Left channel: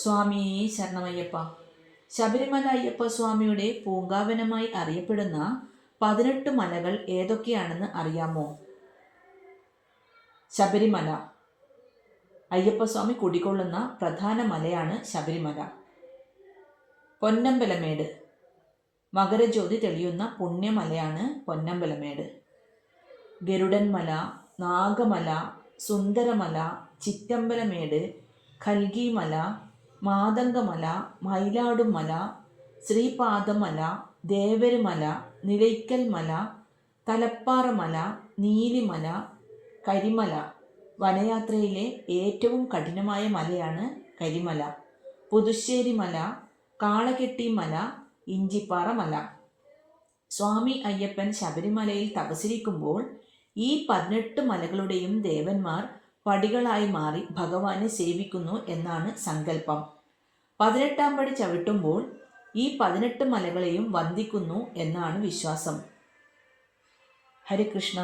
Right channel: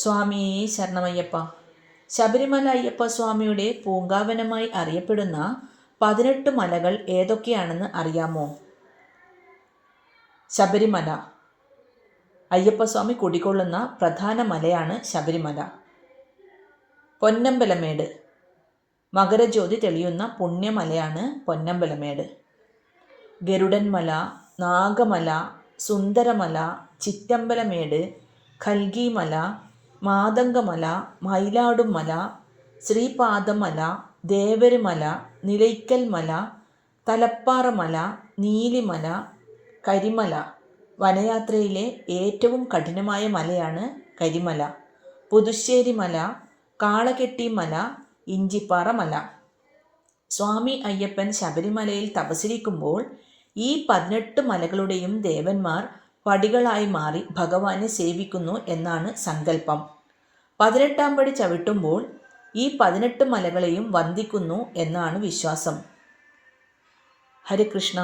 സ്വാമി ശരണമയ്യപ്പ. ശബരിമല അയ്യപ്പ സ്വാമിയുടെ പൂങ്കാവനമായി അറിയപ്പെടുന്ന 18 മലകൾ ഏതൊക്കെയാണെന്ന് അറിയാമോ? ശബരിമല അയ്യപ്പസ്വാമി കുടികൊള്ളുന്ന പ്രധാന മലയാണ് ശബരിമല. പൊന്നമ്പലമേട് മകരജ്യോതി തെളിയുന്ന പുണ്യമലയാണ് പൊന്നമ്പലമേട്. ഗരുഡൻമല, നാഗമല, സുന്ദരമല, ചിറ്റമ്പലമേട്, കൽഗിമല, മാതംഗമല, മയിലാടുംമല, ശ്രീപാദമല, ദേവരുമല, നിലയ്ക്കൽമല, തലപ്പാറമല, നീലിമല, കരിമല. വനയാത്രയിലെ ഏറ്റവും കഠിനമായ മലയാണ് കരിമല. പുതുശ്ശേരിമല, കാളകെട്ടിമല, ഇഞ്ചിപ്പാറ മല. സ്വാമി അയ്യപ്പൻ ശബരിമലയിൽ തപസ്സിരിക്കുമ്പോൾ ഈ 18 മലകളുടെയും ദേവന്മാർ പടികളായി മാറി ഭഗവാനെ സേവിക്കുന്നു എന്നാണ് സങ്കല്പം. 18ാം പടി ചവിട്ടുമ്പോൾ ഈ 18 മലകളെയും വന്ദിക്കുന്നു എന്നാണ് വിശ്വാസം. ഹരേ കൃഷ്ണ.